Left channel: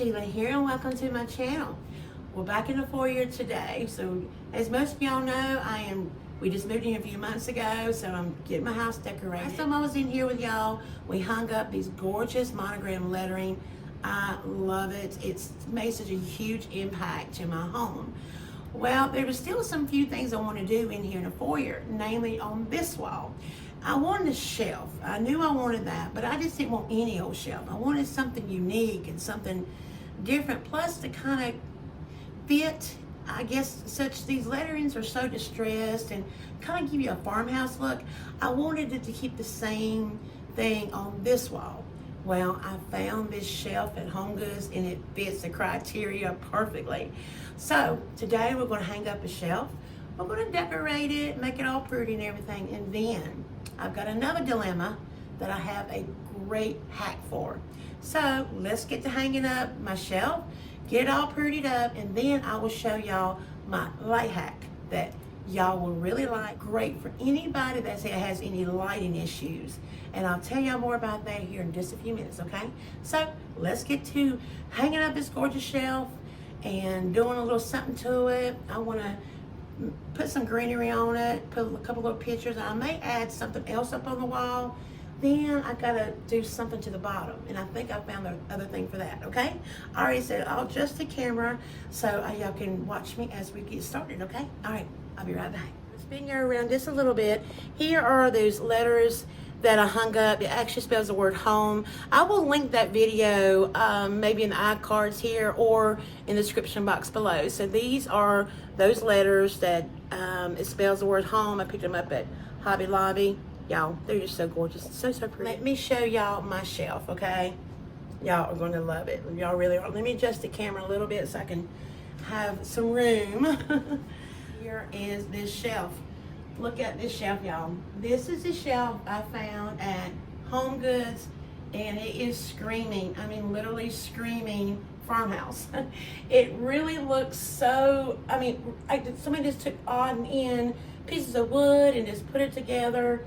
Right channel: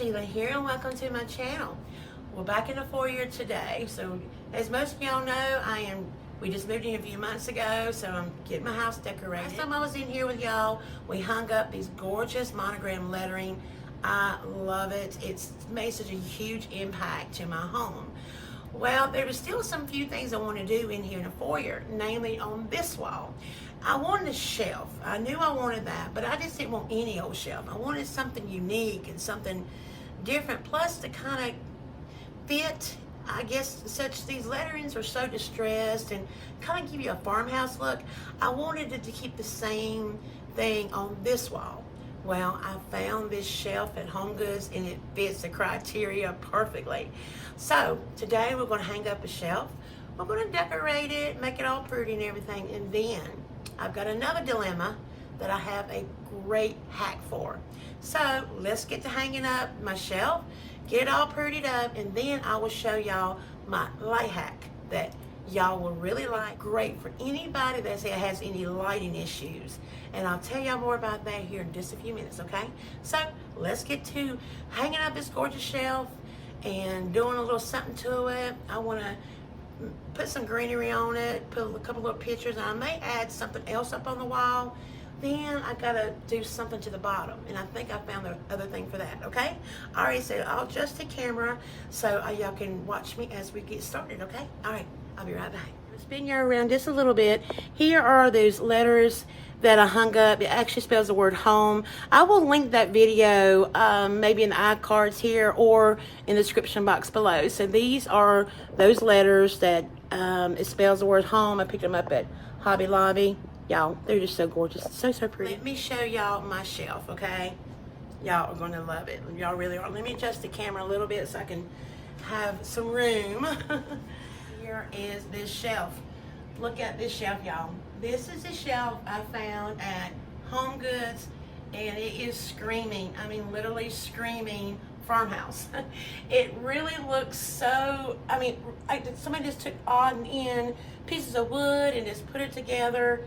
Sheila here and welcome to my channel. We're back in the foyer today. So as most of y'all know, we just moved in a few months ago, so I'm getting my house decorated. Last time I was in here with y'all, we hung up these gorgeous monogram lettering. I love it. It's made such a huge impact to my home. Well, there were still some few things I want to do in here in the foyer, namely on this wall. I wanted a shelf. I knew I wanted that, but I just didn't want any old shelf. I wanted something unique and something different, plus to kind of fit, I guess, these letterings are so distressed and kind of give you a farmhouse look. I wanted it to keep the same thing on this wall. Well, I found this shelf at Home Goods and it fits the criteria perfectly. So today we're going to hang up a shelf. We're going to decorate it, make it all pretty and everything, and then I've got another dilemma that I have a great hack for. So let's get to hanging up my shelf, get it all prettied up, and then I will show y'all my light hack that y'all will really like. Great for anybody that has any lighting issues. And I'll tell y'all more about that here in just a few minutes, okay? So let's get to hanging up this gorgeous shelf and doing a little something to it. I want to put some greenery on it, put a couple little pictures. I may add something else up on the wall. Then I gotta do something to the bottom, and I think I found the other thing for that, okay? All right, so I'll adjust the camera so y'all can watch me as we get started, okay? All right, I'll be right back. Spin you around just a little bit. Here are those letters that I hung up. It actually spells the word home. I will link that video maybe in the iCards here or in the description box below. So these are those letters that it spells the word home. I picked them up at Hobby Lobby. Y'all, they're just so gorgeous. So pretty. Let me show y'all my shelf, okay? Y'all are going to love it. Y'all really are. Let me adjust the camera a little bit so I can have some room. Here is this shelf. Look at this shelf, y'all. This is the shelf I found at Home Goods, and it is screaming, I mean literally screaming farmhouse. It really looks so, somebody just took on in pieces of wood and just put it together.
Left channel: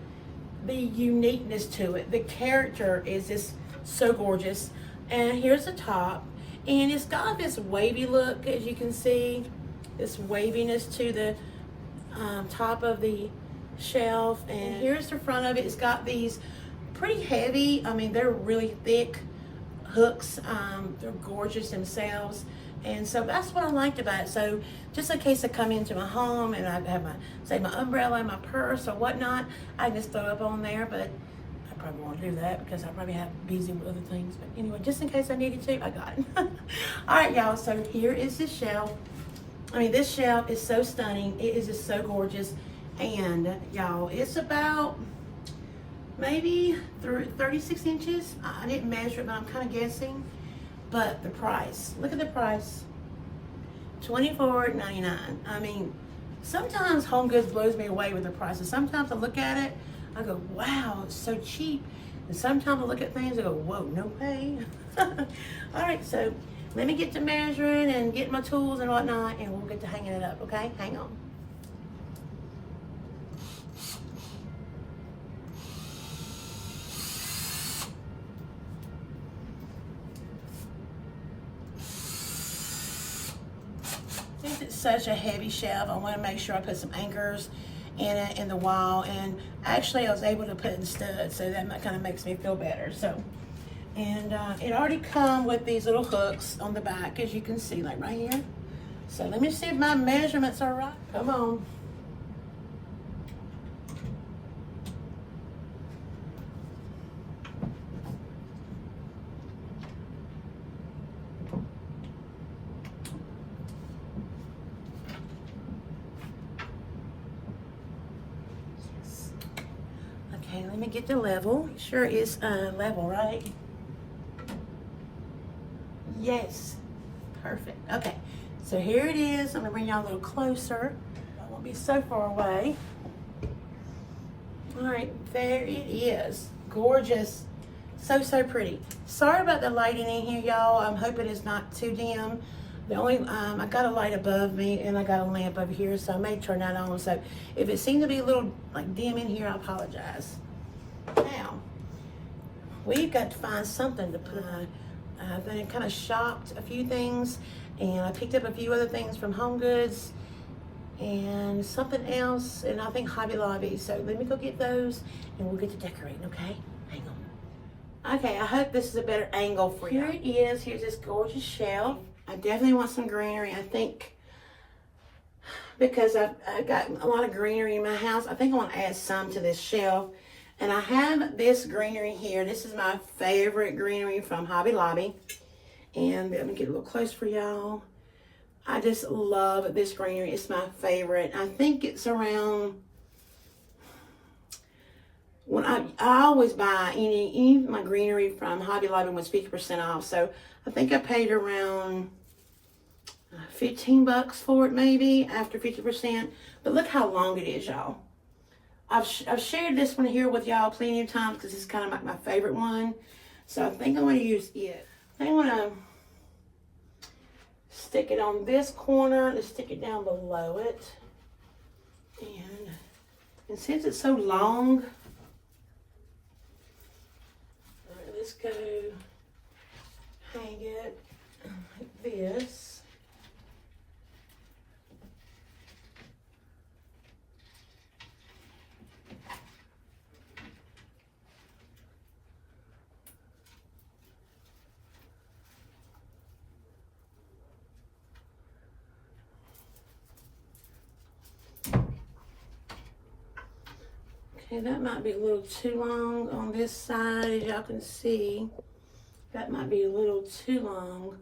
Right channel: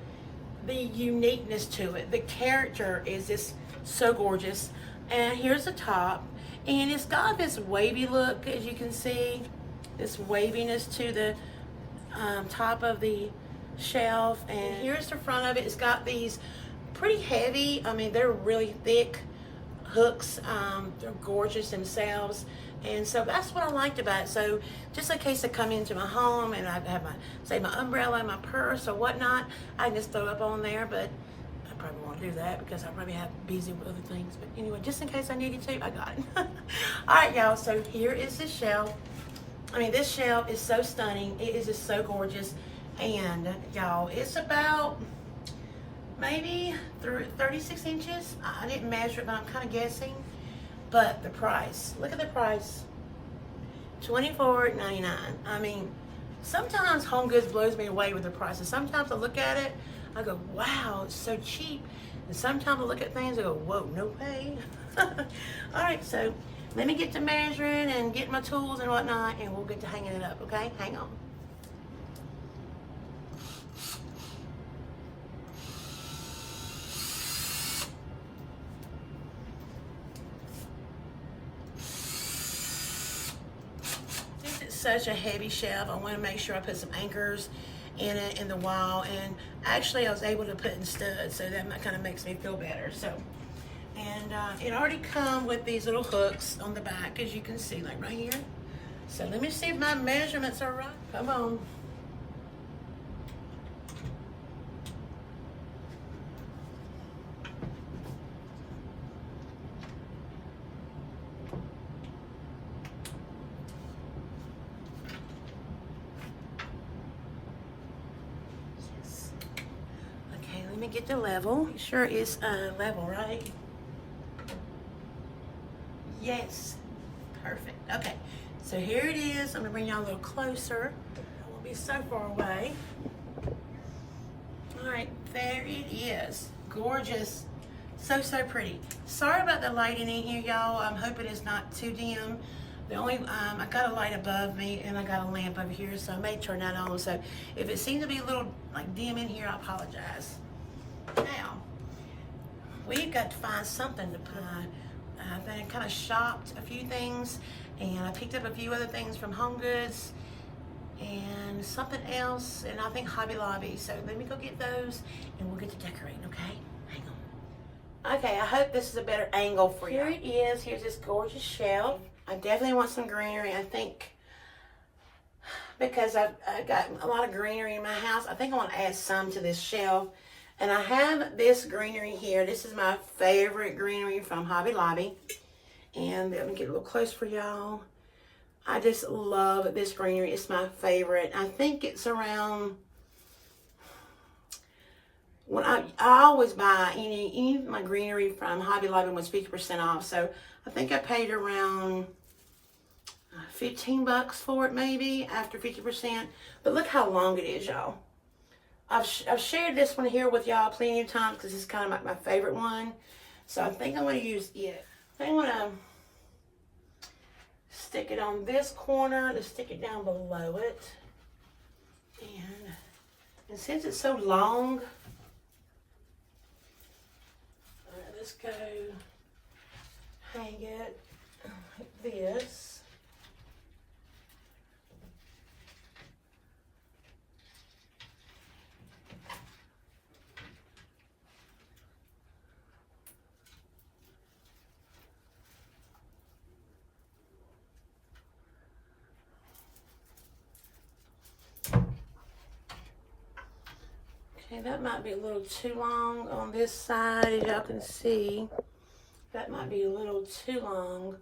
The uniqueness to it, the character is just so gorgeous. And here's the top, and it's got this wavy look, as you can see, this waviness to the top of the shelf. And here's the front of it. It's got these pretty heavy, they're really thick hooks. They're gorgeous themselves, and so that's what I liked about it. So just in case I come into my home and I have my umbrella, my purse or whatnot, I can just throw it up on there, but I probably won't do that because I probably have busy with other things. But anyway, just in case I needed to, I got it. All right, y'all, so here is the shelf. This shelf is so stunning. It is just so gorgeous. And y'all, it's about maybe 36 inches. I didn't measure it, but I'm kind of guessing. But the price, look at the price, $24.99. Sometimes Home Goods blows me away with the prices. Sometimes I look at it, I go, wow, it's so cheap. And sometimes I look at things and go, whoa, no way. All right, so let me get to measuring and get my tools and whatnot, and we'll get to hanging it up, okay? Hang on. Since it's such a heavy shelf, I want to make sure I put some anchors in it, in the wall, and actually I was able to put in studs, so that kind of makes me feel better. So. And it already comes with these little hooks on the back, as you can see, like right here. So let me see if my measurements are right. Come on. Yes. Okay, let me get the level. Make sure it's level, right? Yes, perfect. Okay, so here it is. I'm gonna bring y'all a little closer. I won't be so far away. All right, there it is. Gorgeous, so pretty. Sorry about the lighting in here, y'all. I'm hoping it's not too dim. The only, I got a light above me and I got a lamp over here, so I may turn that on. So if it seems to be a little like dim in here, I apologize. Now, we've got to find something to put then kind of shopped a few things, and I picked up a few other things from Home Goods and something else, and I think Hobby Lobby. So let me go get those and we'll get to decorating, okay? Hang on. Okay, I hope this is a better angle for you. Here it is. Here's this gorgeous shelf. I definitely want some greenery. I think because I've got a lot of greenery in my house, I think I want to add some to this shelf. And I have this greenery here. This is my favorite greenery from Hobby Lobby. And let me get a little close for y'all. I just love this greenery. It's my favorite. I think it's around, when I always buy any of my greenery from Hobby Lobby was 50% off. So I think I paid around 15 bucks for it maybe after 50%. But look how long it is, y'all. I've shared this one here with y'all plenty of times because it's kind of like my favorite one. So I think I'm going to use it. I want to stick it on this corner and stick it down below it. And since it's so long, all right, let's go hang it like this. Okay, that might be a little too long on this side, as y'all can see. That might be a little too long.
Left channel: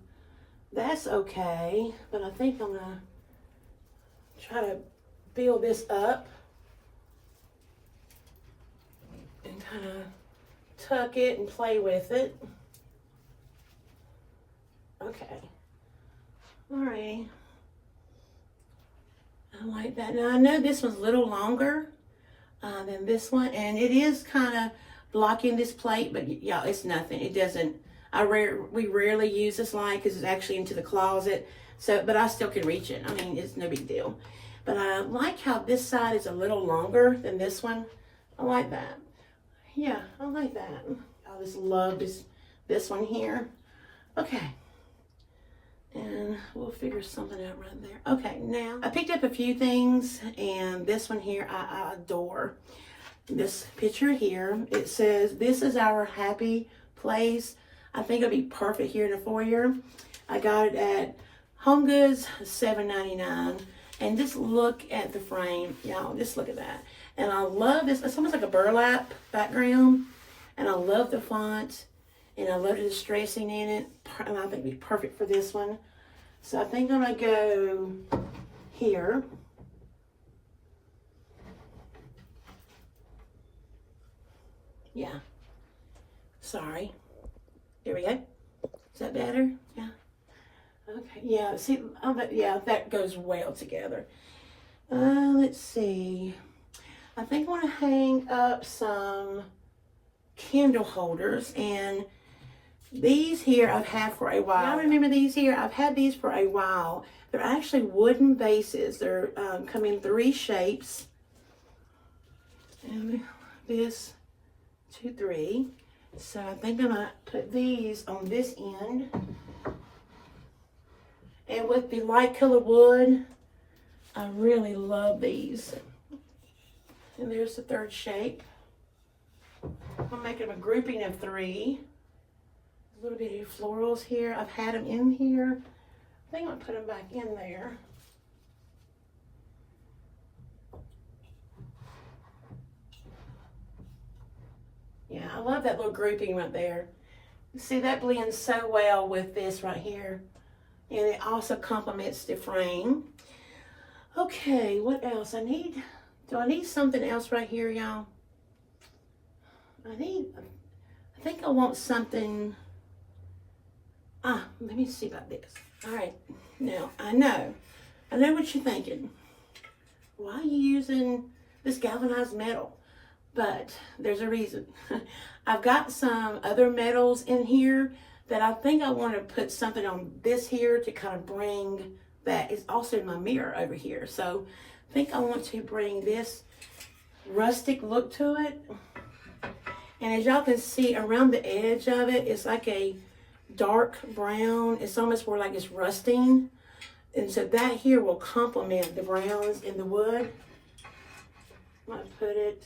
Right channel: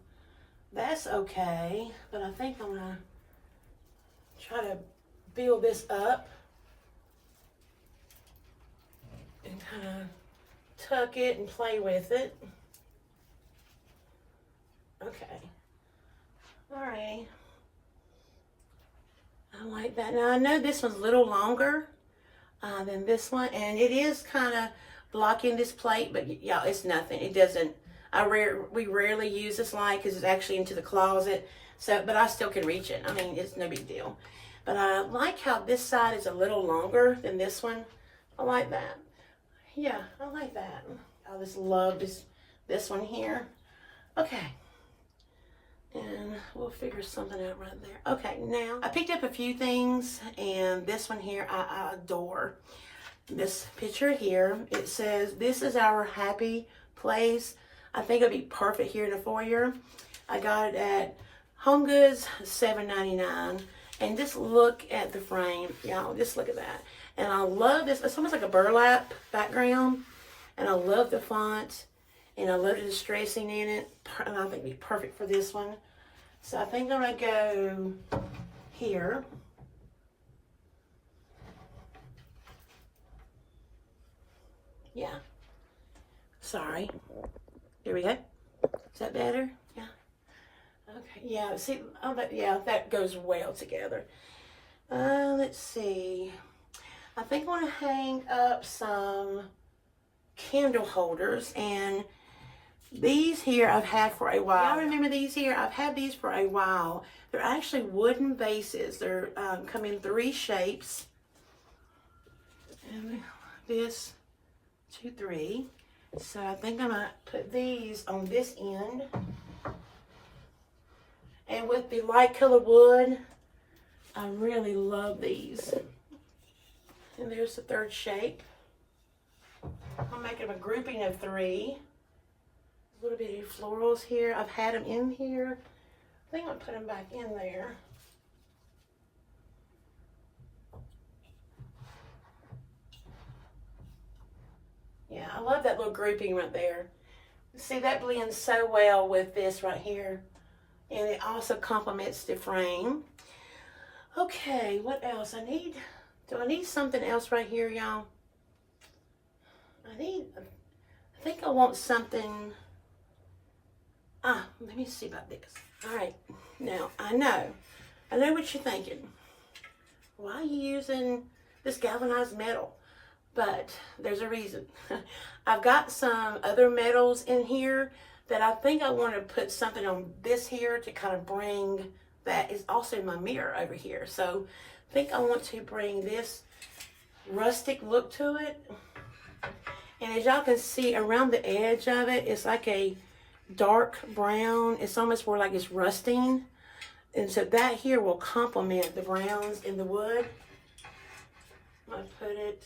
That's okay, but I think I'm gonna try to build this up and kind of tuck it and play with it. Okay, all right. I like that. Now I know this one's a little longer than this one, and it is kind of blocking this plate, but yeah, it's nothing. It doesn't, we rarely use this line because it's actually into the closet, so, but I still can reach it. I mean, it's no big deal. But I like how this side is a little longer than this one. I like that. Yeah, I like that. I just love this one here. Okay. And we'll figure something out right there. Okay, now I picked up a few things, and this one here I adore. This picture here, it says, "This is our happy place." I think it'll be perfect here in the foyer. I got it at Home Goods, $7.99. And just look at the frame, y'all. Just look at that. And I love this. It's almost like a burlap background. And I love the font. And I love the distressing in it. And I think it'd be perfect for this one. So I think I'm going to go here. Yeah. Sorry. There we go. Is that better? Yeah. Okay. Yeah. See, yeah, that goes well together. Let's see. I think I want to hang up some candle holders, and these here I've had for a while. Y'all remember these here? I've had these for a while. They're actually wooden bases. They're come in 3 shapes. And this, 2, 3. So I think I'm gonna put these on this end. And with the light color wood, I really love these. And there's the 3rd shape. I'm making a grouping of 3. A little bit of florals here. I've had them in here. I think I'll put them back in there. Yeah, I love that little grouping right there. See, that blends so well with this right here. And it also complements the frame. Okay, what else? Do I need something else right here, y'all? I think I want something. Let me see about this. All right, now I know what you're thinking. Why are you using this galvanized metal? But there's a reason. I've got some other metals in here that I think I want to put something on this here to kind of bring that. Is also my mirror over here. So I think I want to bring this rustic look to it. And as y'all can see around the edge of it, it's like a dark brown. It's almost more like it's rusting. And so that here will complement the browns in the wood. I put it.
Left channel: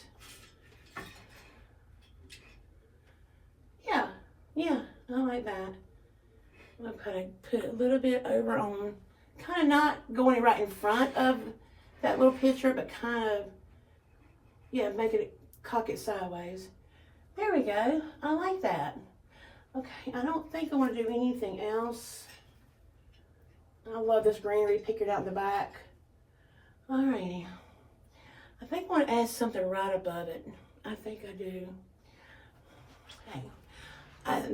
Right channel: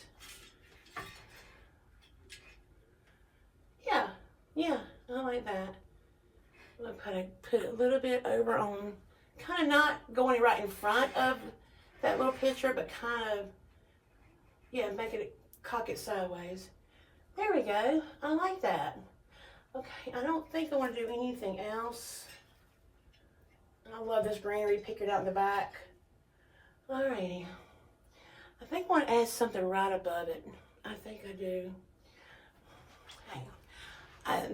Yeah, I like that. I'm gonna put it a little bit over on, kind of not going right in front of that little picture, but kind of, yeah, make it, cock it sideways. There we go. I like that. Okay, I don't think I want to do anything else. I love this greenery pictured out in the back. Alrighty. I think I want to add something right above it. I think I do. Hang on.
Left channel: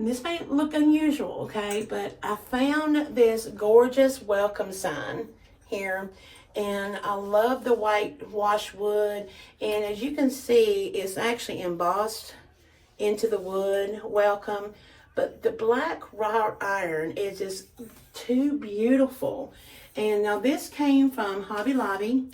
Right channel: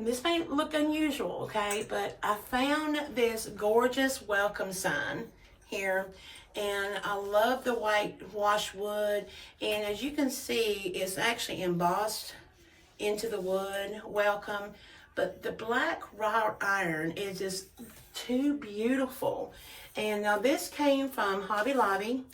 This may look unusual, okay, but I found this gorgeous welcome sign here, and I love the white wash wood, and as you can see, it's actually embossed into the wood, welcome, but the black wrought iron is just too beautiful. And now this came from Hobby Lobby,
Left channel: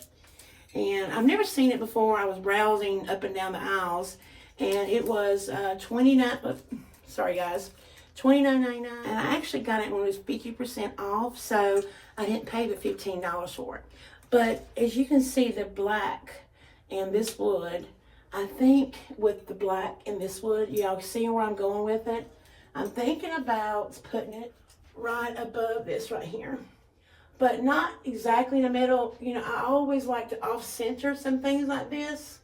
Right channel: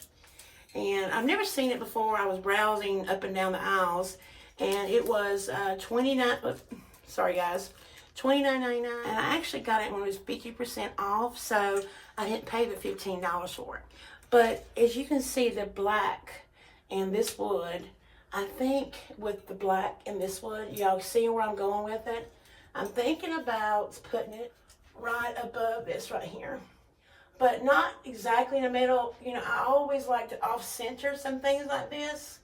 and I've never seen it before. I was browsing up and down the aisles, and it was $29.99, and I actually got it when it was 50% off, so I didn't pay the $15 for it. But as you can see, the black and this wood, I think with the black and this wood, y'all see where I'm going with it? I'm thinking about putting it right above this right here, but not exactly in the middle. You know, I always like to off-center some things like this,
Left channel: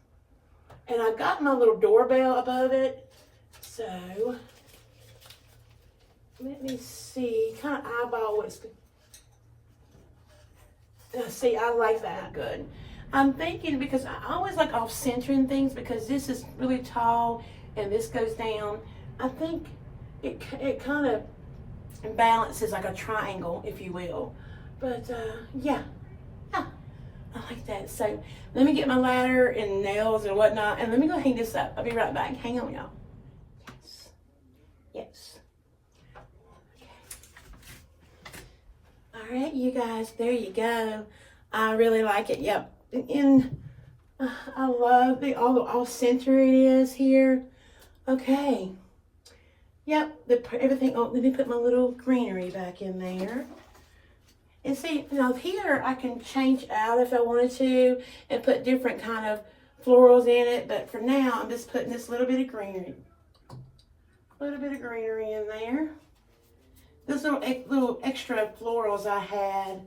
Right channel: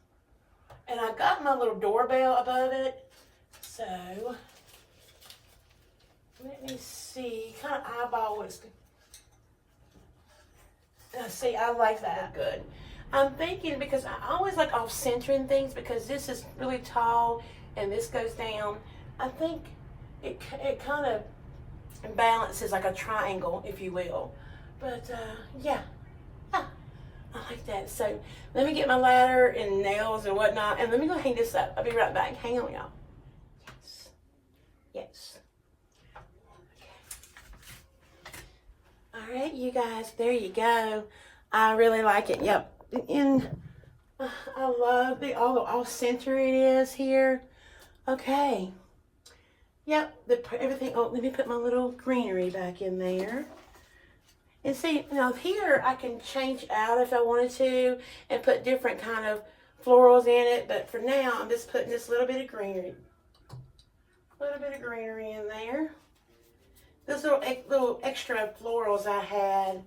and I got my little doorbell above it, so let me see, kind of eyeball what it's good. See, I like that good. I'm thinking, because I always like off-centering things, because this is really tall and this goes down. I think it kind of balances like a triangle, if you will. But yeah, I like that. So let me get my ladder and nails and whatnot, and let me go hang this up. I'll be right back. Hang on, y'all. Yes. All right, you guys, there you go. I really like it. Yep. And I love all the off-center it is here. Okay. Yep, everything. Oh, let me put my little greenery back in there. And see, now here I can change out if I wanted to and put different kind of florals in it. But for now, I'm just putting this little bit of greenery. A little bit of greenery in there. Those little extra florals I had.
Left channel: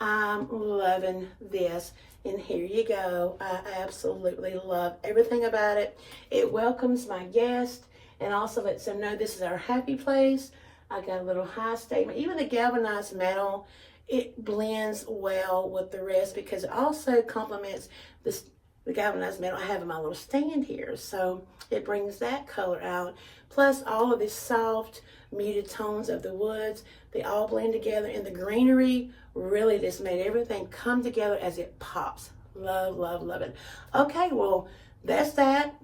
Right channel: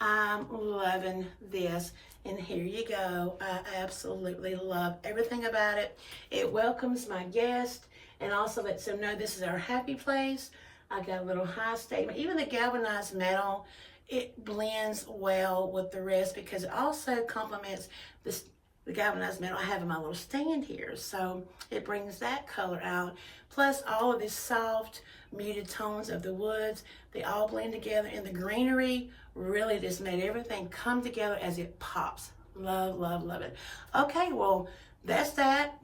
I'm loving this. And here you go. I absolutely love everything about it. It welcomes my guest and also lets them know this is our happy place. I got a little high statement. Even the galvanized metal, it blends well with the rest because it also complements the galvanized metal I have in my little stand here. So it brings that color out. Plus all of these soft, muted tones of the woods, they all blend together, and the greenery really just made everything come together as it pops. Love, love, love it. Okay, well, that's that.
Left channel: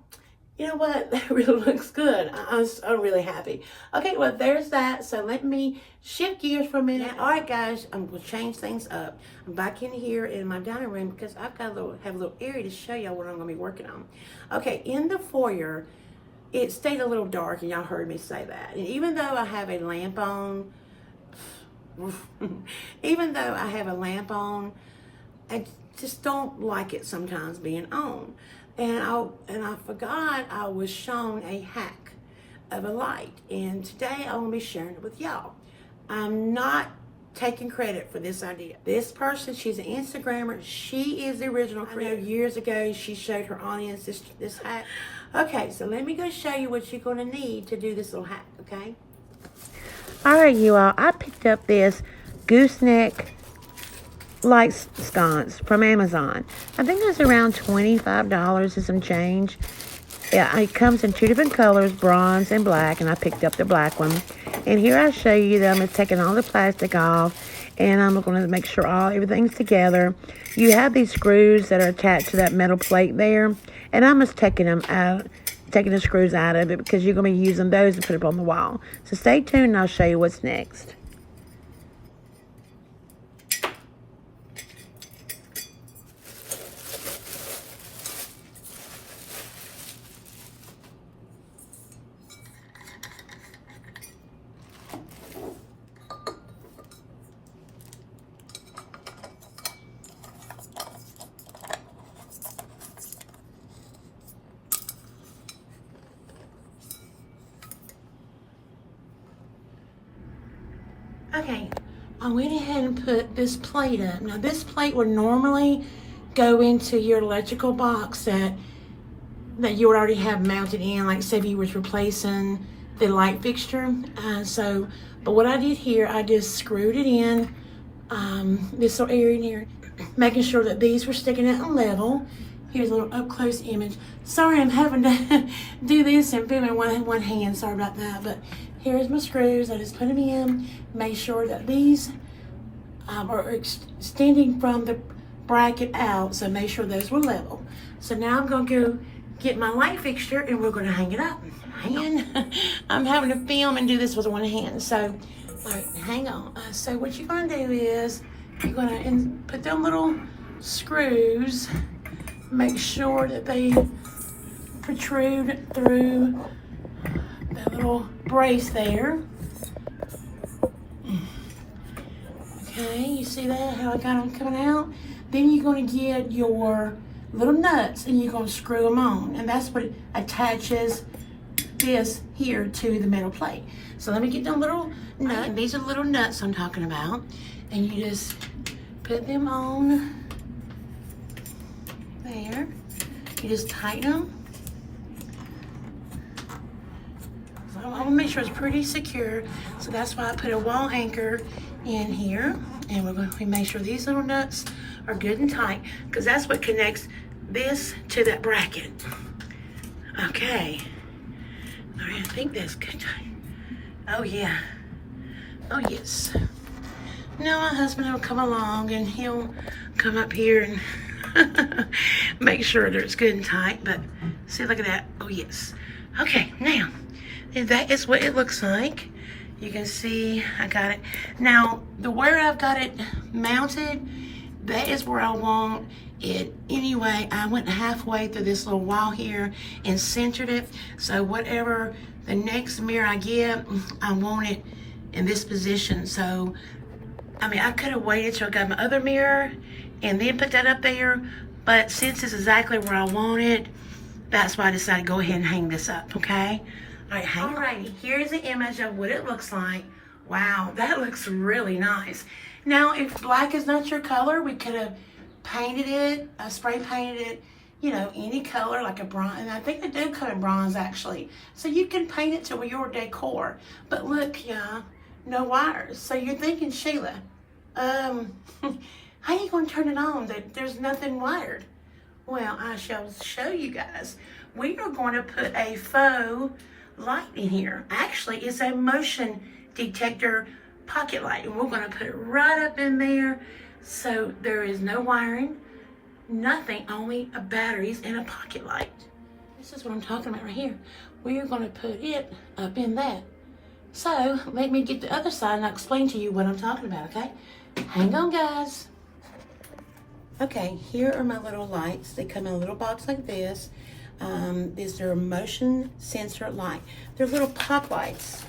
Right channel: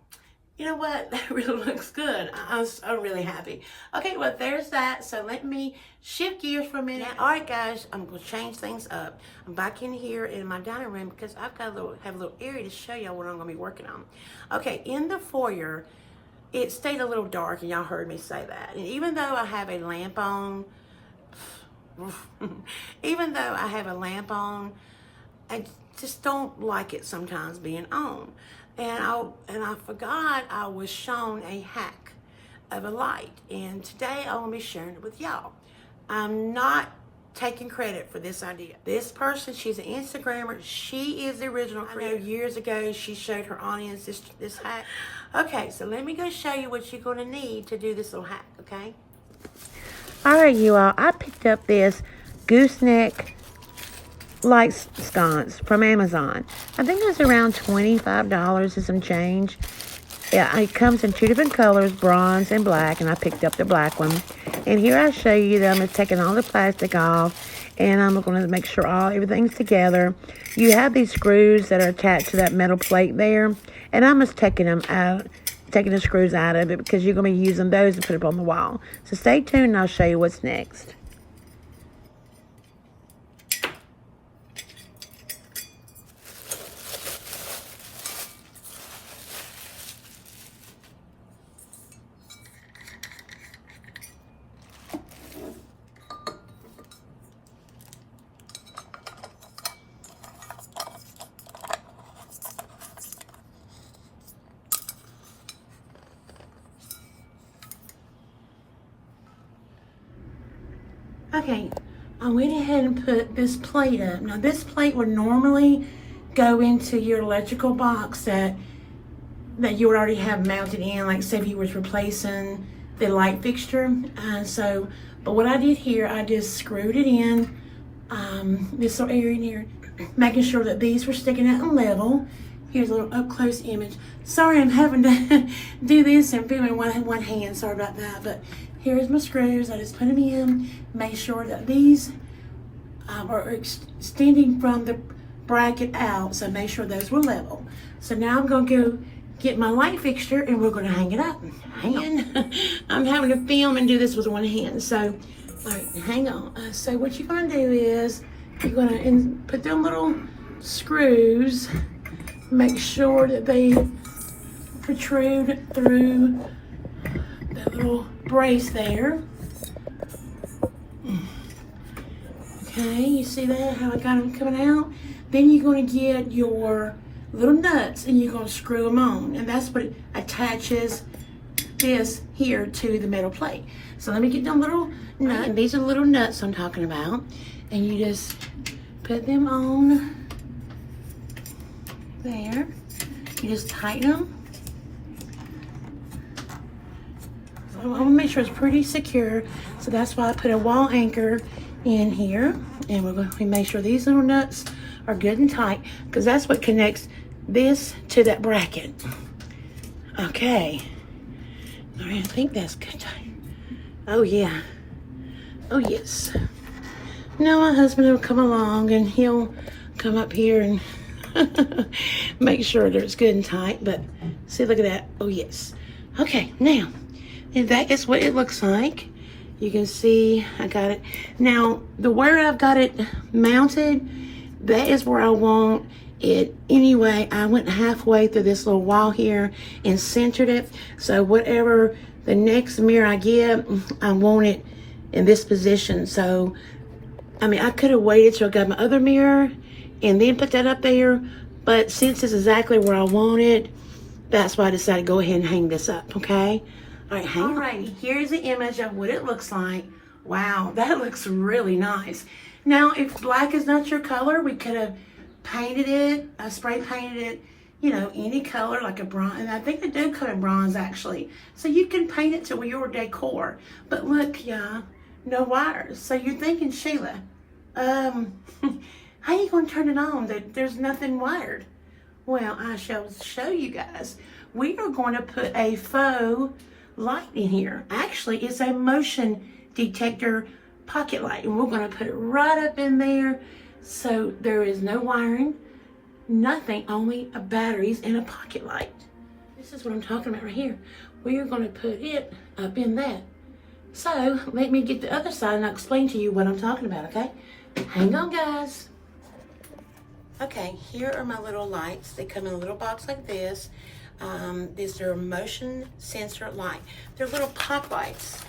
You know what? That really looks good. I'm really happy. Okay, well, there's that. So let me shift gears for a minute. All right, guys, I'm going to change things up. I'm back in here in my dining room because I've got have a little area to show y'all what I'm going to be working on. Okay, in the foyer, it stayed a little dark, and y'all heard me say that. And even though I have a lamp on, I just don't like it sometimes being on. And I forgot I was shown a hack of a light, and today I want to be sharing it with y'all. I'm not taking credit for this idea. This person, she's an Instagrammer. She is the original creator. Years ago, she showed her audience this hack. Okay, so let me go show you what you're going to need to do this little hack, okay? All right, you all. I picked up this gooseneck light sconce from Amazon. I think it's around $25 and some change. Yeah, it comes in two different colors, bronze and black, and I picked up the black one. And here I show you that I'm taking all the plastic off, and I'm going to make sure everything's together. You have these screws that are attached to that metal plate there, and I'm just taking them out, taking the screws out of it because you're going to be using those to put up on the wall. So stay tuned and I'll show you what's next. Okay, I went ahead and put this plate up. Now this plate would normally go into your electrical box that you would already have mounted in, like say if you was replacing the light fixture. But what I did here, I just screwed it in this little area in here, making sure that these were sticking out and level. Here's a little up close image. Sorry, I'm having to do this and film in one hand. Sorry about that. But here's my screws. I just put them in. Make sure that these are extending from the bracket out. So make sure those were level. So now I'm going to go get my light fixture and we're going to hang it up. Hang on. I'm having to film and do this with one hand. So, all right, hang on. So what you're going to do is you're going to put them little screws. Make sure that they protrude through that little brace there. Okay, you see that, how I got them coming out? Then you're going to get your little nuts and you're going to screw them on. And that's what attaches this here to the metal plate. So let me get them little nuts. And these are the little nuts I'm talking about. And you just put them on there. You just tighten them. So I want to make sure it's pretty secure. So that's why I put a wall anchor in here. And we're going to make sure these little nuts are good and tight, because that's what connects this to that bracket. Okay. All right, I think that's good. Oh yeah. Oh yes. Now my husband will come along and he'll come up here and make sure that it's good and tight. But see, look at that. Oh yes. Okay, now, and that is what it looks like. You can see I got it. Now, where I've got it mounted, that is where I want it. Anyway, I went halfway through this little wall here and centered it. So whatever the next mirror I get, I want it in this position. So, I mean, I could have waited till I got my other mirror and then put that up there. But since it's exactly where I want it, that's why I decided to go ahead and hang this up, okay? All right, alrighty, here's the image of what it looks like. Wow, that looks really nice. Now, if black is not your color, we could have painted it, spray painted it, you know, any color, like a bronze. And I think they do come in bronze, actually. So you can paint it to your decor. But look, yeah, no wires. So you're thinking, Sheila, how are you going to turn it on? There's nothing wired. Well, I shall show you guys. We are going to put a faux light in here. Actually, it's a motion detector pocket light, and we're going to put it right up in there. So there is no wiring, nothing, only batteries and a pocket light. This is what I'm talking about right here. We are going to put it up in that. So let me get the other side and I'll explain to you what I'm talking about, okay? Hang on, guys. Okay, here are my little lights. They come in a little box like this. These are motion sensor light. They're little pop lights.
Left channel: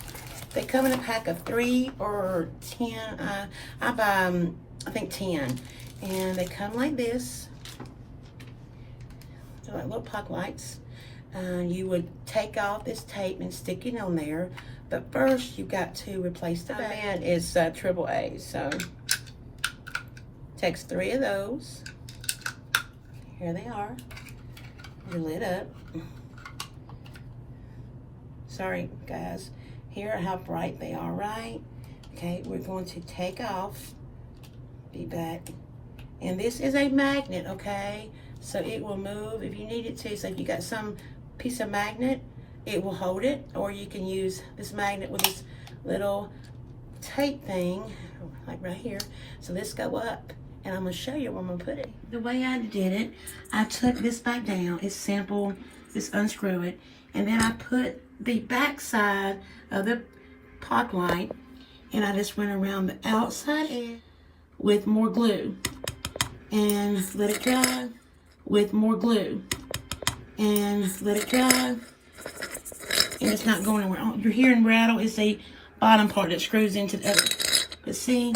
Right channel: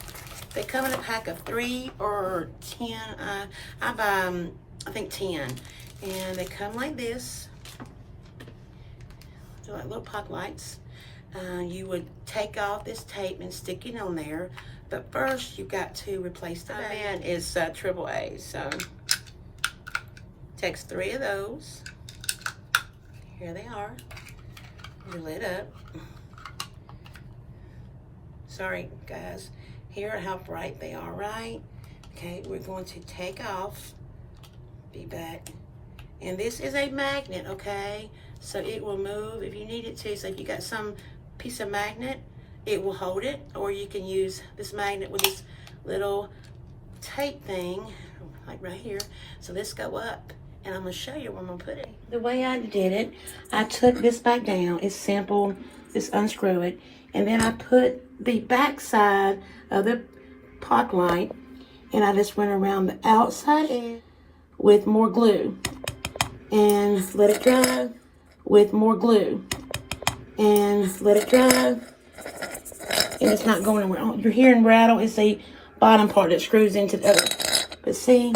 They come in a pack of 3 or 10. I buy, I think 10. And they come like this. They're like little pop lights. You would take off this tape and stick it on there. But first, you've got to replace the band. It's AAA, so takes 3 of those. Here they are. They're lit up. Sorry, guys. Here how bright they are, right? Okay, we're going to take off. Be back. And this is a magnet, okay? So it will move if you need it to. So if you got some piece of magnet, it will hold it. Or you can use this magnet with this little tape thing, like right here. So this go up. And I'm going to show you where I'm going to put it. The way I did it, I took this back down. It's simple. Just unscrew it. And then I put the back side of the pot light, and I just went around the outside end with more glue. And let it dry with more glue. And let it dry. And it's not going anywhere. You're hearing rattle. It's the bottom part that screws into the other. But see,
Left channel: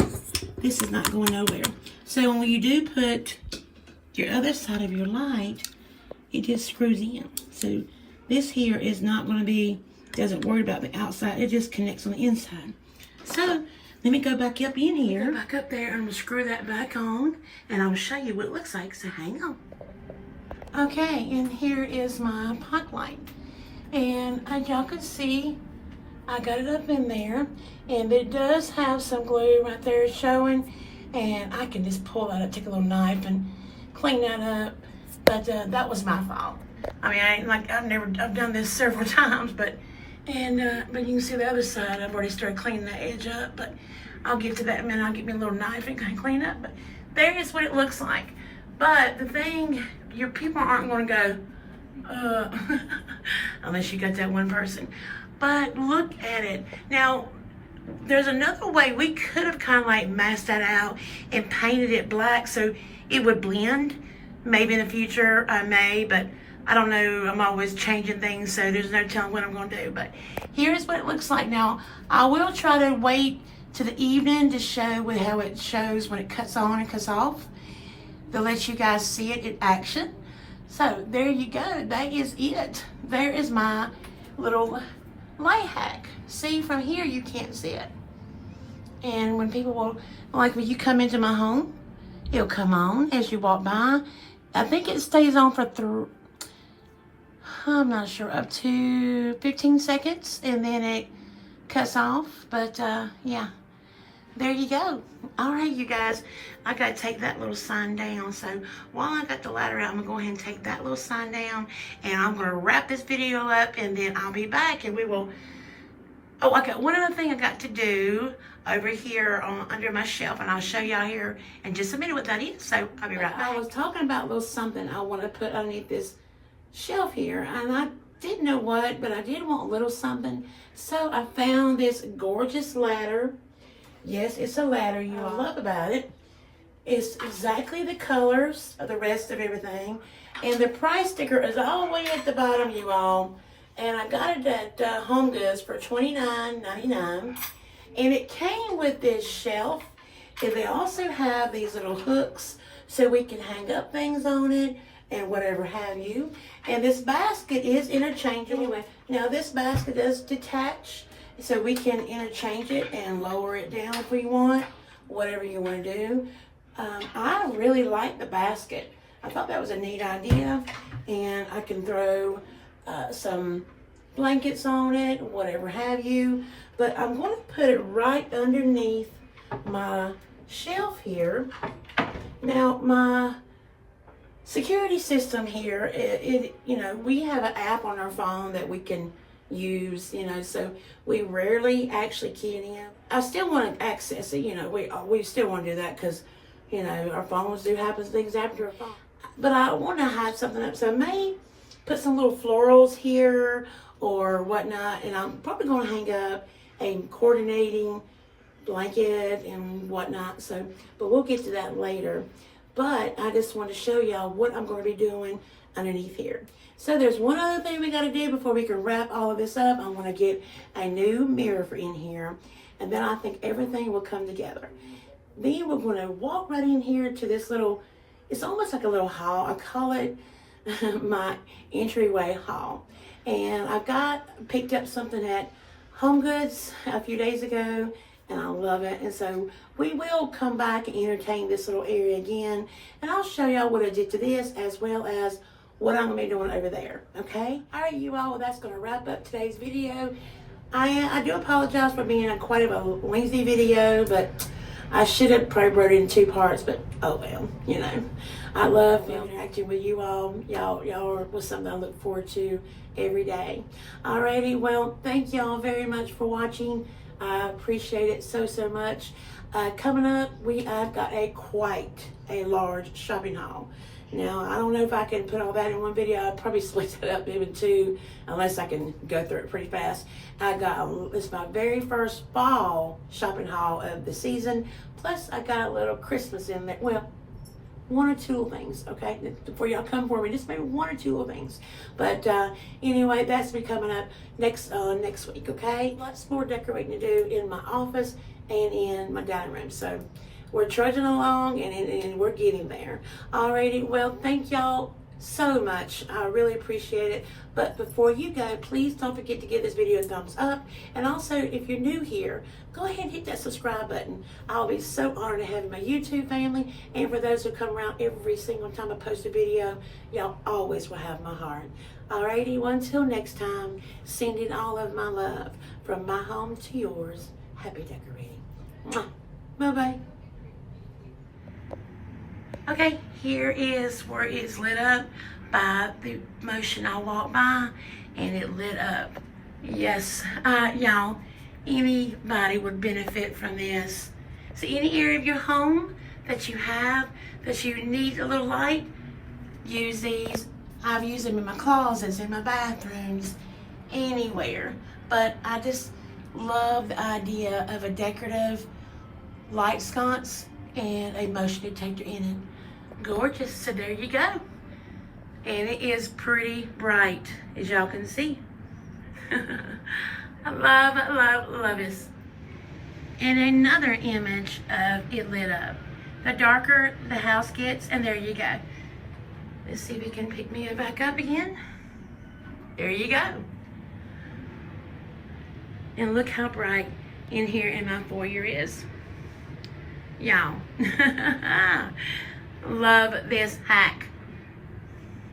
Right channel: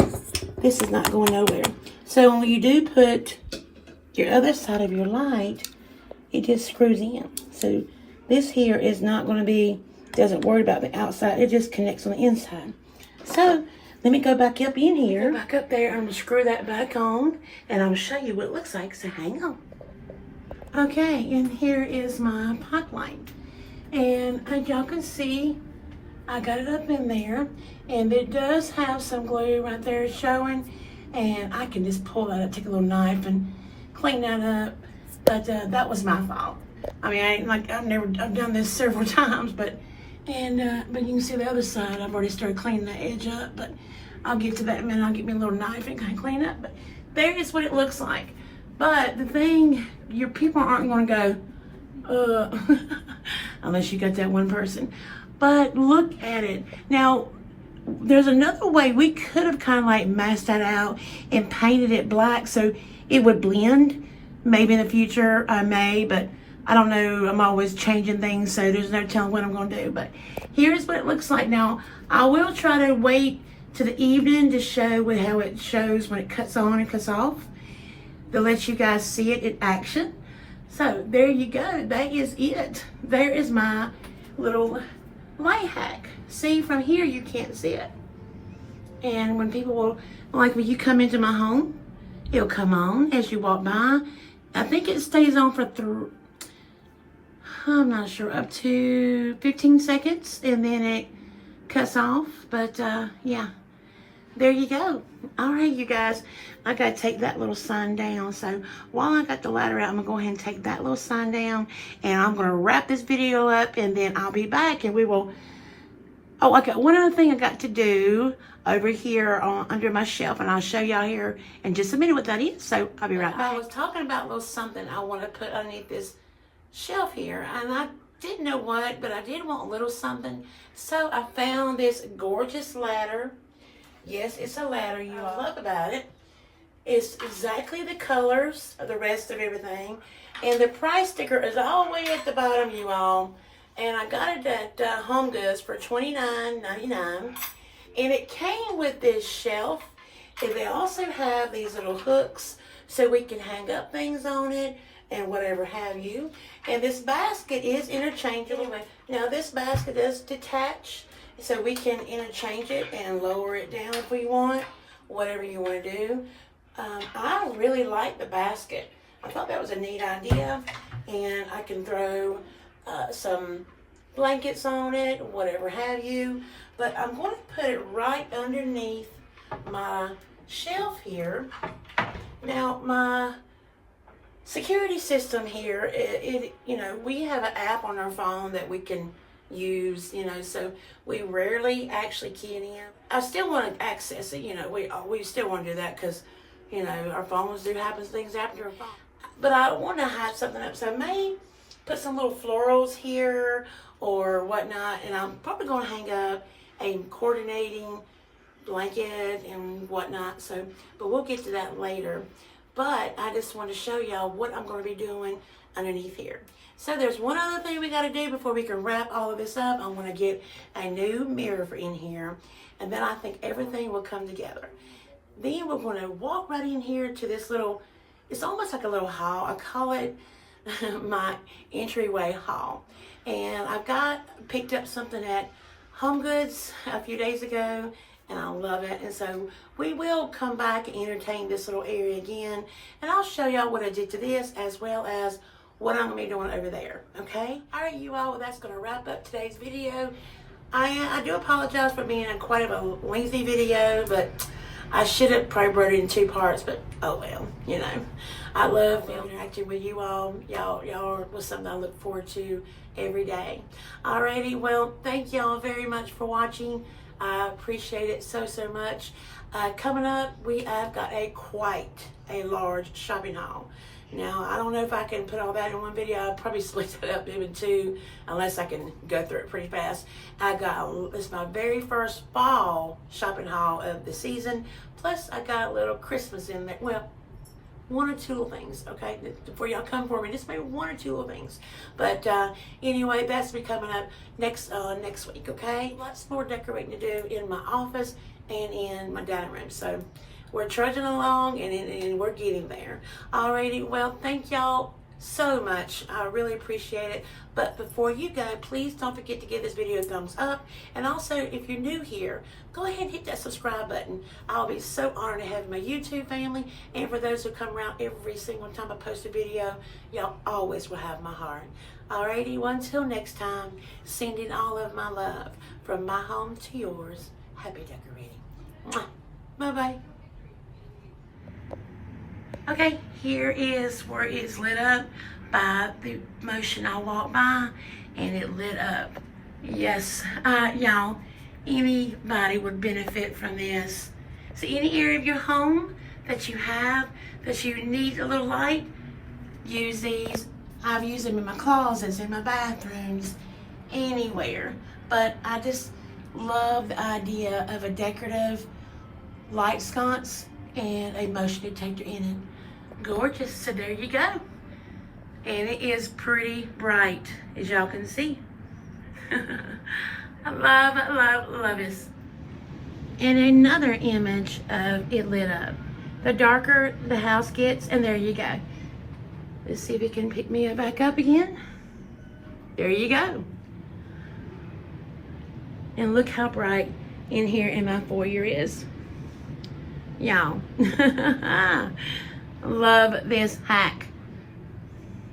this is not going nowhere. So when you do put your other side of your light, it just screws in. So this here is not going to be, doesn't worry about the outside. It just connects on the inside. So let me go back up in here. Go back up there. I'm gonna screw that back on, and I'm gonna show you what it looks like. So hang on. Okay, and here is my pot light, and as y'all can see, I got it up in there, and it does have some glue right there showing, and I can just pull that up, take a little knife and clean that up. But that was my fault. I mean, I've done this several times, but you can see the other side. I've already started cleaning the edge up, but I'll get to that in a minute. I'll get me a little knife and kind of clean up. But there is what it looks like. But the thing, your people aren't going to go, unless you got that one person. But look at it. Now, there's another way we could have kind of like masked that out and painted it black so it would blend. Maybe in the future I may, but I don't know. I'm always changing things, so there's no telling what I'm going to do. But here's what it looks like. Now, I will try to wait to the evening to show with how it shows when it cuts on and cuts off, to let you guys see it in action. So there you go. That is it. There is my little light hack. See, from here you can't see it. And when people will, like when you come into my home, it'll come on as you walk by. I think it stays on for I'm not sure, up to 15 seconds, and then it cuts off. But yeah, there you go. All right, you guys, I gotta take that little sign down. So while I got the ladder out, I'm gonna go ahead and take that little sign down, and I'm gonna wrap this video up, and then I'll be back, and we will. Oh, I got one other thing I got to do over here under my shelf, and I'll show y'all here in just a minute what that is. So I'll be right back. I was talking about a little something I want to put underneath this shelf here, and I didn't know what, but I did want a little something. So I found this gorgeous ladder. Yes, it's a ladder, you all. Love about it. It's exactly the colors of the rest of everything, and the price sticker is all the way at the bottom, you all. And I got it at Home Goods for $29.99. And it came with this shelf. And they also have these little hooks so we can hang up things on it and whatever have you. And this basket is interchangeable. Anyway, now this basket does detach, so we can interchange it and lower it down if we want, whatever you want to do. I really like the basket. I thought that was a neat idea. And I can throw some blankets on it, whatever have you. But I'm going to put it right underneath my shelf here. Now, my security system here, you know, we have an app on our phone that we can use, you know, so we rarely actually key it in. I still want to access it, you know, we still want to do that because, you know, our phones do happen, things happen to our phone. But I want to hide something up, so maybe put some little florals here or whatnot, and I'm probably going to hang up a coordinating blanket and whatnot. So, but we'll get to that later. But I just want to show y'all what I'm going to be doing underneath here. So there's one other thing we got to do before we can wrap all of this up. I want to get a new mirror for in here, and then I think everything will come together. Then we're going to walk right in here to this little, it's almost like a little hall. I call it my entryway hall. And I picked up something at Home Goods a few days ago, and I love it. And so we will come back and entertain this little area again, and I'll show y'all what I did to this as well as what I'm gonna be doing over there. Okay, all right, you all, well, that's gonna wrap up today's video. I do apologize for being quite a lengthy video, but I should have probably brought it in 2 parts, but oh well, you know. I love interacting with you all. Y'all was something I look forward to every day. Alrighty, well, thank y'all very much for watching. I appreciate it so much. Coming up, I've got quite a large shopping haul. Now, I don't know if I can put all that in one video. I'd probably split it up in 2, unless I can go through it pretty fast. It's my very first fall shopping haul of the season. Plus, I got a little Christmas in there. Well, 1 or 2 little things, okay? Before y'all come for me, just maybe 1 or 2 little things. But anyway, that's be coming up next week, okay? Lots more decorating to do in my office and in my dining room. So we're trudging along and we're getting there. Alrighty, well, thank y'all so much. I really appreciate it. But before you go, please don't forget to give this video a thumbs up. And also, if you're new here, go ahead and hit that subscribe button. I'll be so honored to have my YouTube family. And for those who come around every single time I post a video, y'all always will have my heart. Alrighty, well, until next time, sending all of my love from my home to yours. Happy decorating. Mwah. Bye-bye. Okay, here is where it's lit up by the motion I walked by, and it lit up. Yes, y'all, anybody would benefit from this. So any area of your home that you have, that you need a little light, use these. I've used them in my closets, in my bathrooms, anywhere. But I just love the idea of a decorative light sconce and a motion detector in it. Gorgeous. So there you go. And it is pretty bright, as y'all can see. I love this. And another image of it lit up. The darker the house gets, and there you go. Let's see if it can pick me back up again. There you go. And look how bright in here in my foyer is. Y'all. Love this hack.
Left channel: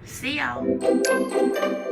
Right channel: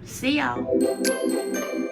See y'all.